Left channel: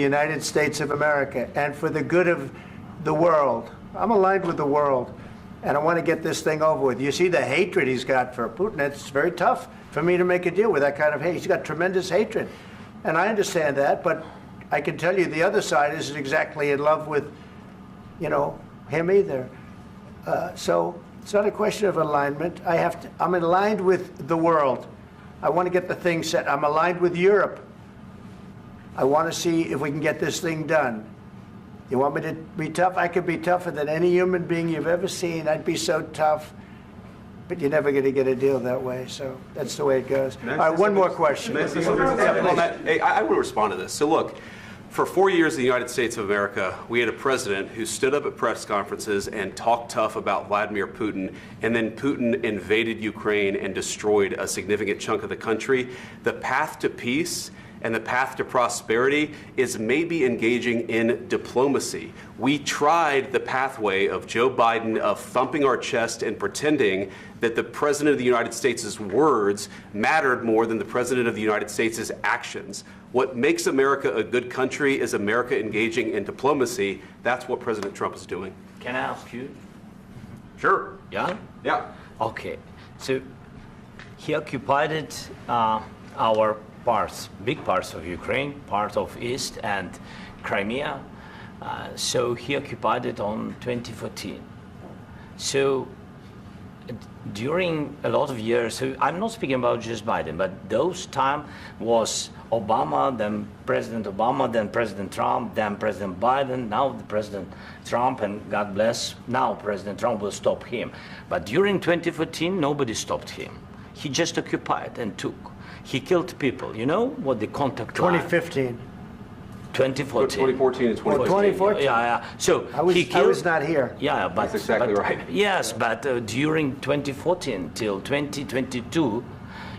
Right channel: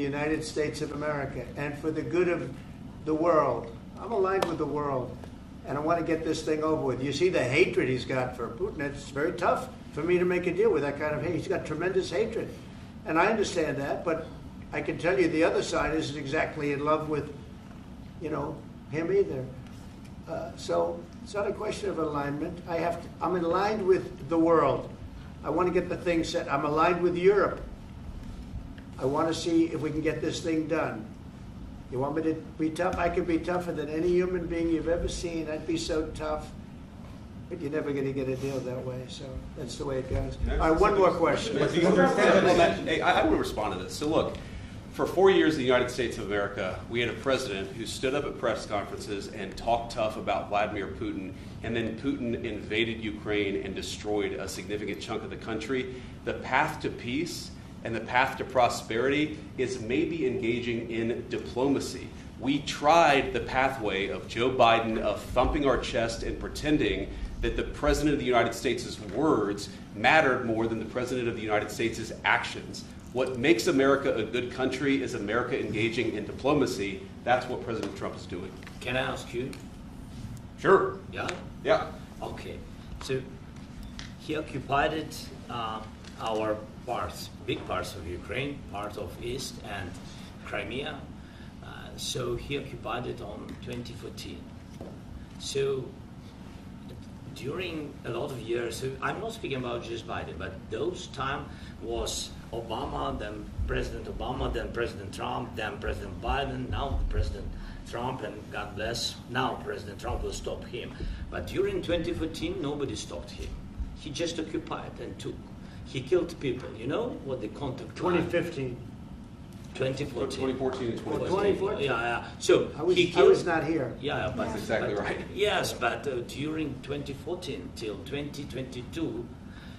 the United States of America and for the good of the world. I'm aligned with the world, and I want to get this thing over with. You see the hatred he's got for Putin. It's very tough for me to make a deal with that kind of hate. He's got tremendous hatred, and I understand that, but I can tell you the other side isn't exactly in love with, him either. So it's not a question of alignment. I'm aligned with the world. I want to get the thing set. I'm aligned with Europe. I want to see if we can get this thing done. You want me to be tough? I could be tougher than any human being you've ever seen. I'd be so tough. But you're never going to get a deal that way. So that's the way it goes. All right, one more question. Hey, I want to respond to this. So look, for 4 years in the United States of America, we had a president who stood up at press conferences and talked tough about Vladimir Putin, and then Putin invaded Ukraine and destroyed a significant chunk of the country. The path to peace and the path to prosperity is maybe engaging in diplomacy. We tried the pathway of Joe Biden of thumping our chest and pretending that the President of the United States' words mattered more than the President of the United States' actions. What makes America a good country is America engaging in diplomacy. That's what President Trump is doing. Can I ask you? Sure. Yeah? Yeah. Okay. So he occupied our parts, big parts of Ukraine, part of East and Crimea. So he occupied it on 2014. So during a lot of years, so I'm not speaking about just Biden, but those time was Obama, then President Obama, then President Trump, then President Biden, now President Trump, and God bless, now President Trump will stop him. But during 2014, nobody stopped him. He just occupied and took. He killed people. You know what the contact 2015. 2014. 2014 and 2015. 2014. Yeah. So I was not here. Yeah, but that's exactly right. Yes, but during 2014 till 2022,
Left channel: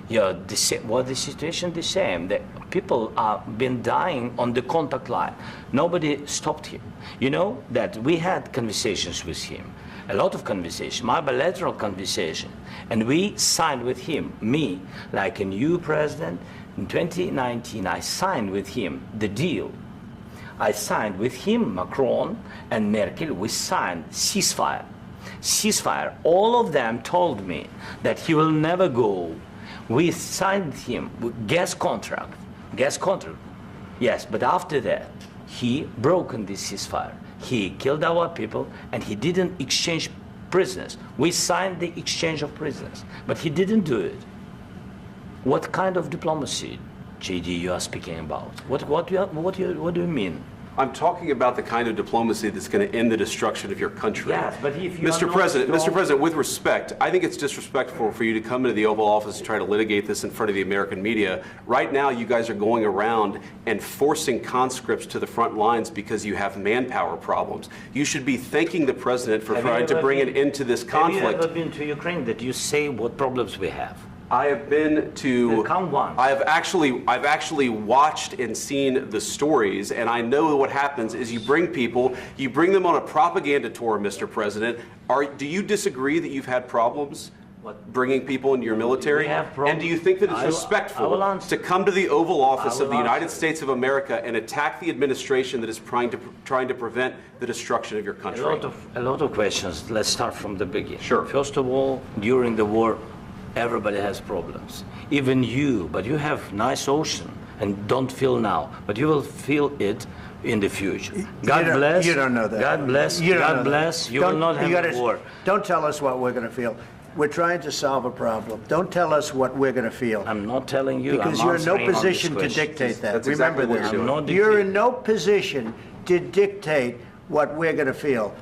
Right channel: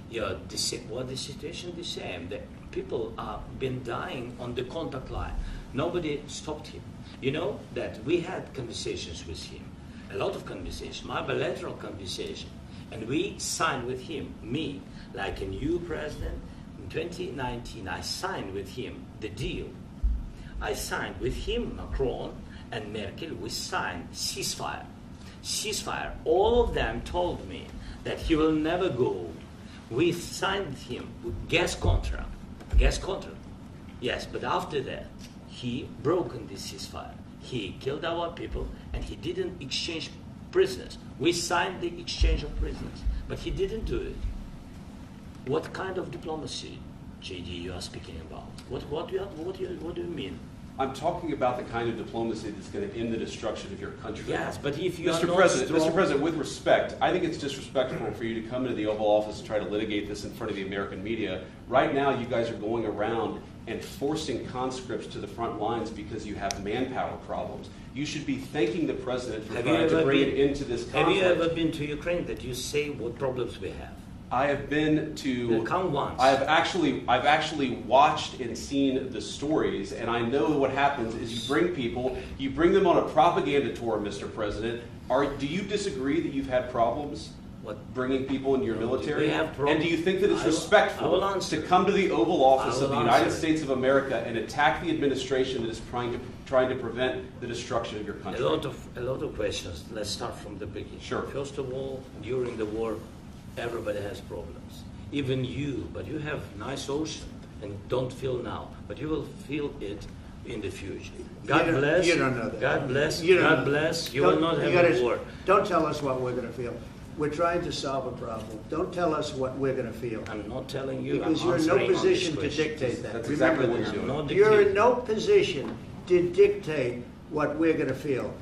yeah, the situation the same. The people are been dying on the contact line. Nobody stopped him. You know that we had conversations with him, a lot of conversation, my bilateral conversation, and we signed with him, me, like a new president. In 2019, I signed with him the deal. I signed with him, Macron and Merkel, we signed ceasefire. Ceasefire. All of them told me that he will never go. We signed him with gas contract. Gas contract. Yes, but after that, he broken this ceasefire. He killed our people and he didn't exchange prisoners. We signed the exchange of prisoners, but he didn't do it. What kind of diplomacy, JD, you are speaking about? What do you mean? I'm talking about the kind of diplomacy that's going to end the destruction of your country. Yes, but if you Mr. President, with respect, I think it's disrespectful for you to come into the Oval Office and try to litigate this in front of the American media. Right now, you guys are going around and forcing conscripts to the front lines because you have manpower problems. You should be thanking the President for trying to bring it into this conflict. Have you ever been to Ukraine that you say what problems we have? I have been to. Count once. I've actually watched and seen the stories, and I know what happens is you bring them on a propaganda tour, Mr. President. Do you disagree that you've had problems bringing people into your military? And do you think that it's respectful to come to the Oval Office of the United States of America and attack the administration that is trying to prevent the destruction of your country? A lot of questions. Let's start from the beginning. Sure. First of all, during the war, everybody has problems, even you, but you have nice ocean and don't feel now, but you will feel it in the future. God bless. You don't know that. God bless. God bless. You will not have a war. Don't tell us what we're going to feel. We're trying to solve a problem. Don't tell us what we're going to feel. I'm not telling you. Because you're in no position to dictate that. That's exactly what you're doing. You're in no position to dictate what we're going to feel.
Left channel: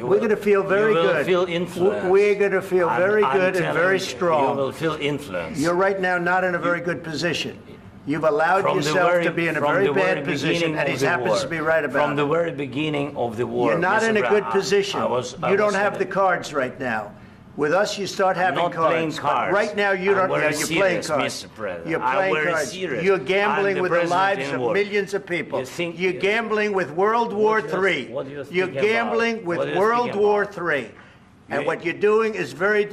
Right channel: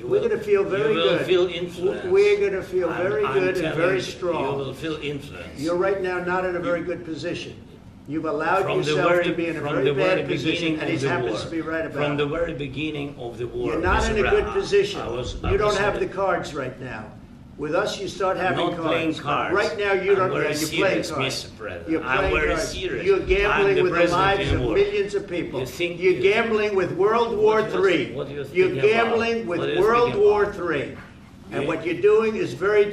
We're going to feel very good. You will feel influence. We're going to feel very good and very strong. You will feel influence. You're right now not in a very good position. You've allowed yourself to be in a very bad position, and he happens to be right about it. From the very beginning of the war. You're not in a good position. You don't have the cards right now. With us, you start having cards. Right now, you don't. You're playing cards. You're playing cards. You're gambling with the lives of millions of people. You're gambling with World War III. You're gambling with World War III. And what you're doing is very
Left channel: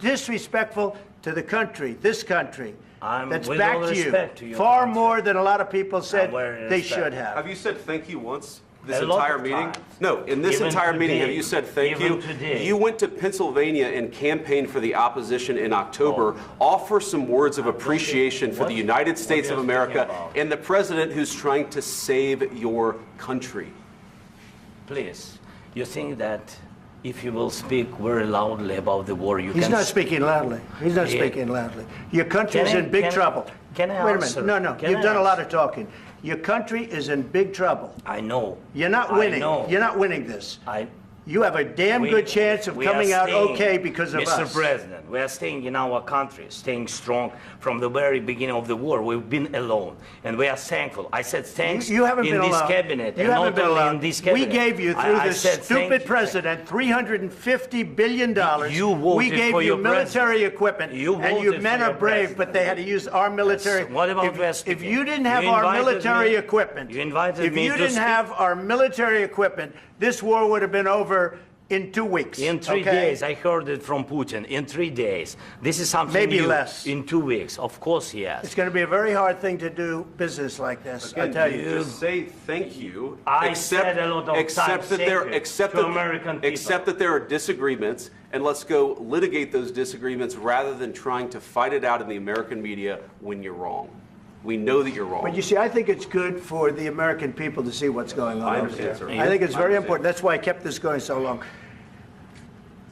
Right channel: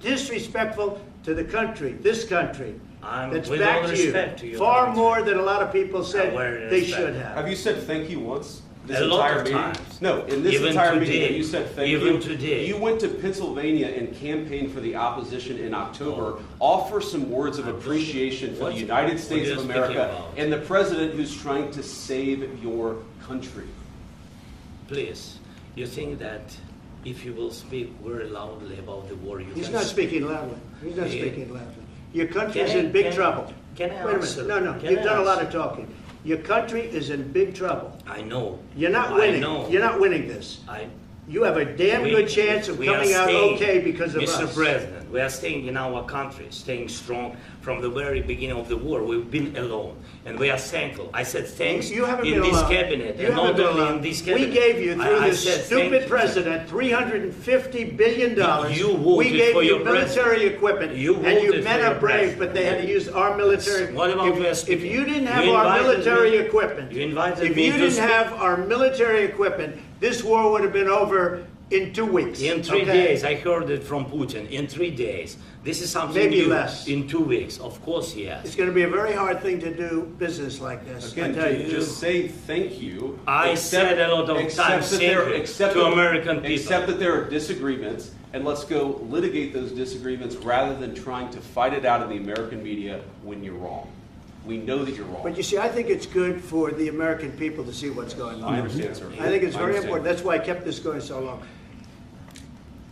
disrespectful to the country, this country. that's with backed all you respect to your far country. more than a lot of people said With they respect. should have. Have you said thank you once? This A lot entire of meeting? times. No, in this Even entire meeting, today. have you said thank Even you? today. You went to Pennsylvania and campaigned for the opposition in October. Offer some words of appreciation for the United States what of are you speaking America about? and the president who's trying to save your country. Please, you think that if you will speak very loudly about the war, you He's can... not speaking loudly. He's not Yeah. speaking loudly. Your country is Can I- in big can I- trouble. can I Wait a answer? minute. No, Can you've I done a lot answer? of talking. Your country is in big trouble. I know. You're not I winning. know. You're not winning this. You have a damn good chance of we are coming out staying, okay because of Mr. us. President, we are staying in our country, staying strong from the very beginning of the war. We've been alone, and we are thankful. I said thanks You haven't in been this alone. cabinet, You and haven't not been only alone. in this We cabinet. gave you, through I this said thank stupid you. president, $350 billion. You voted We gave for you your military president. equipment, You and you voted men for your are brave, president. but they had to use our military. What about we are If speaking? you didn't have You our invited military me- equipment, you invited if me you to didn't speak. have our military equipment, this war would have been over in 2 weeks. In 3 okay? days, I heard it from Putin. In 3 days, this is something Maybe new. less. In 2 weeks, of course, yes. It's going to be a very hard thing to do business like this. I Again, tell you. just say thank you. I said a lot of accept times that thank there, you accept to that- American people. Accept that there are disagreements, and let's go litigate those disagreements rather than trying to fight it out in the American media when you're wrong. We know that you're wrong. But you see, I think it's good for the American people to see what's going on. I understand, sir. I think it's I very understand. important. That's why I kept this going so long.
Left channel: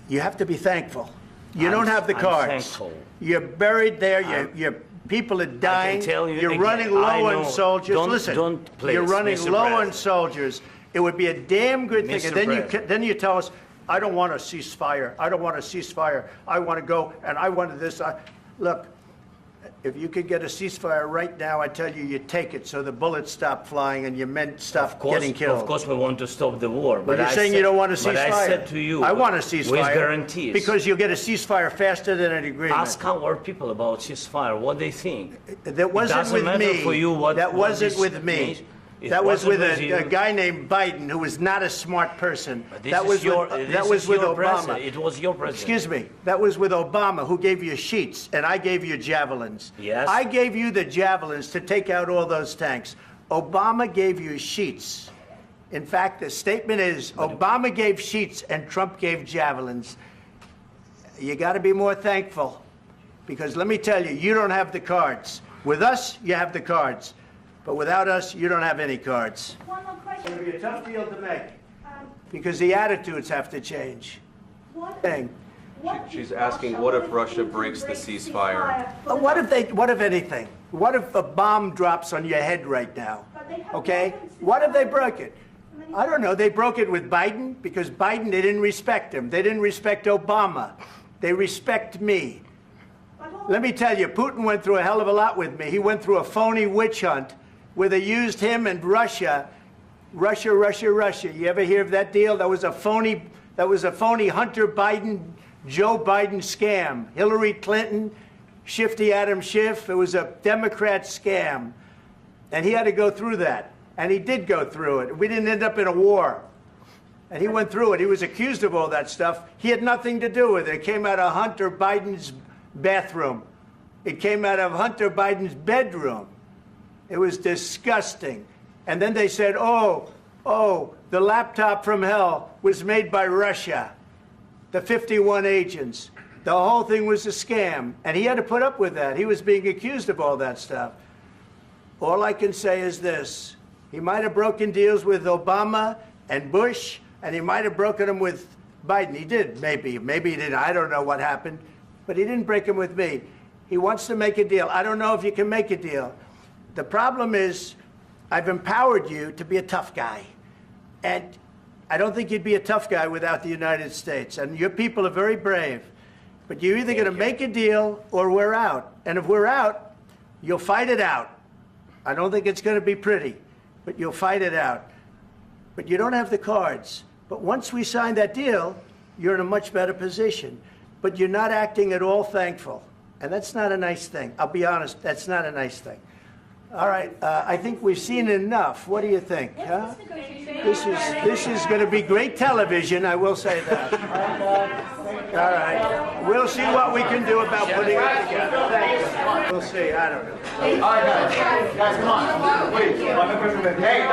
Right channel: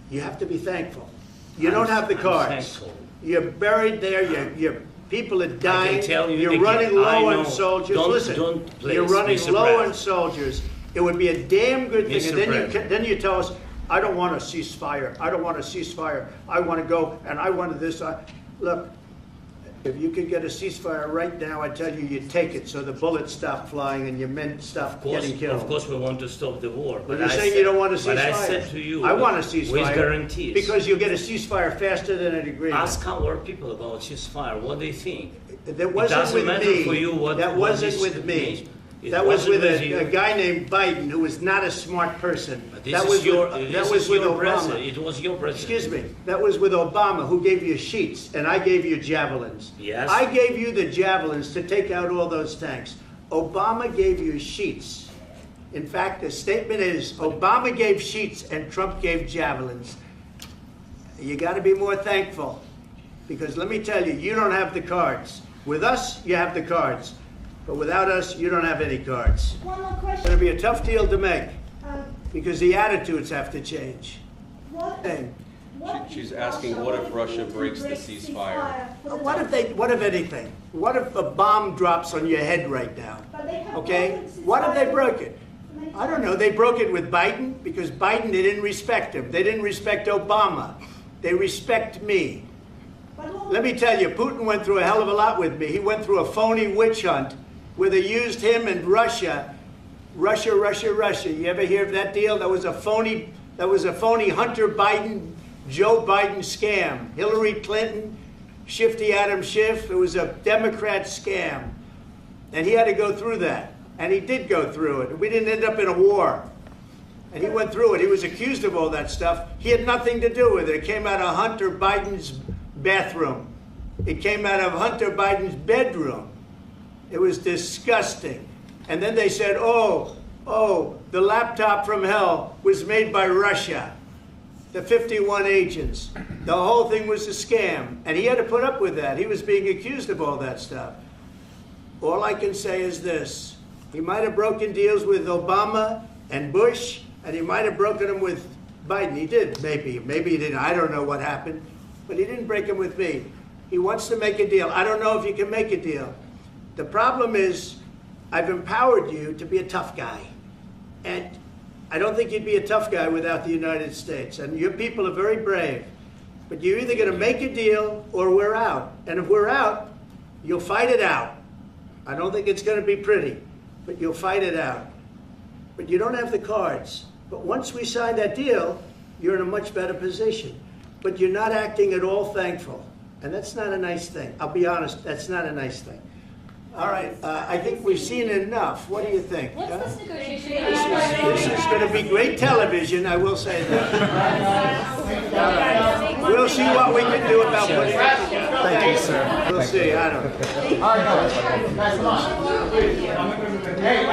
You have to be thankful. You I'm- don't have the I'm cards. thankful. You're buried there. Your people are dying. tell you You're again, running I low know. on soldiers. Don't- Listen, don't, please, you're running Mr. low on President. soldiers. It would be a damn good thing. Mr. And then President. then you tell us, I don't want a ceasefire. I don't want a ceasefire. I want to go and I want this. Look, if you could get a ceasefire right now, I tell you, you take it so the bullets stop flying and your men stop getting killed. Of course, we want to stop the war. But you're I saying said- you don't want a ceasefire. But I said to you, I want a with ceasefire. guarantees. Because you'll get a ceasefire faster than an agreement. Ask our people about ceasefire, what they think. That wasn't doesn't with matter me. for you what- That what wasn't this with me. means. It That was wasn't with with you. a guy named Biden who was not a smart person. This That is was your, with, this that was is with your Obama. president. It was your president. Excuse me. That was with Obama, who gave you sheets, and I gave you javelins. Yes. I gave you the javelins to take out all those tanks. Obama gave you sheets. In fact, the statement is Obama gave sheets and Trump gave javelins. You got to be more thankful, because let me tell you, you don't have the cards. With us, you have the cards. But without us, you don't have any cards. One more It's question. going to be a tough deal to make, Um, because the attitudes have to change. what, Thing. what She's if asking, what if Russia wants to breaks the break ceasefire? for What the- if anything? What if a bomb drops on your head right now? But they have Okay? broken What if they ceasefire broke it? many I don't know. They broke it with Biden because Biden, they didn't respect him. They didn't respect Obama. They respect me. But what- Let me tell you, Putin went through a hell of a lot with me. He went through a phony witch hunt where they used him and Russia. Russia. You ever hear of that deal? That was a phony Hunter Biden, Joe Biden scam. Hillary Clinton, Shifty Adam Schiff. It was a Democrat scam. And he had to go through that. And he did go through it. We didn't end up in a war. And he went through it. He was accused of all that stuff. He had nothing to do with it. It came out of Hunter Biden's bathroom. It came out of Hunter Biden's bedroom. It was disgusting. And then they said, oh, the laptop from hell was made by Russia. The 51 agents. The whole thing was a scam. And he had to put up with that. He was being accused of all that stuff. All I can say is this. He might have broken deals with Obama and Bush, and he might have broken them with Biden. He did, maybe. Maybe he didn't. I don't know what happened. But he didn't break them with me. He wants to make a deal. I don't know if you can make a deal. The problem is, I've empowered you to be a tough guy. And I don't think you'd be a tough guy without the United States. And your people are very brave. But you're either going to make a deal or we're out. And if we're out, you'll fight it out. I don't think it's going to be pretty, but you'll fight it out. But you don't have the cards. But once we sign that deal, you're in a much better position. But you're not acting at all thankful. And that's not a nice thing. I'll be honest, that's not a nice thing. All right, I think we've seen enough. What do you think? What's huh? this negotiation? This is going to be great television, I will say that. All right. We'll see what we can do about putting it together. Thank you, sir. We'll see. I don't know. All right, guys, come on. Wait, hey,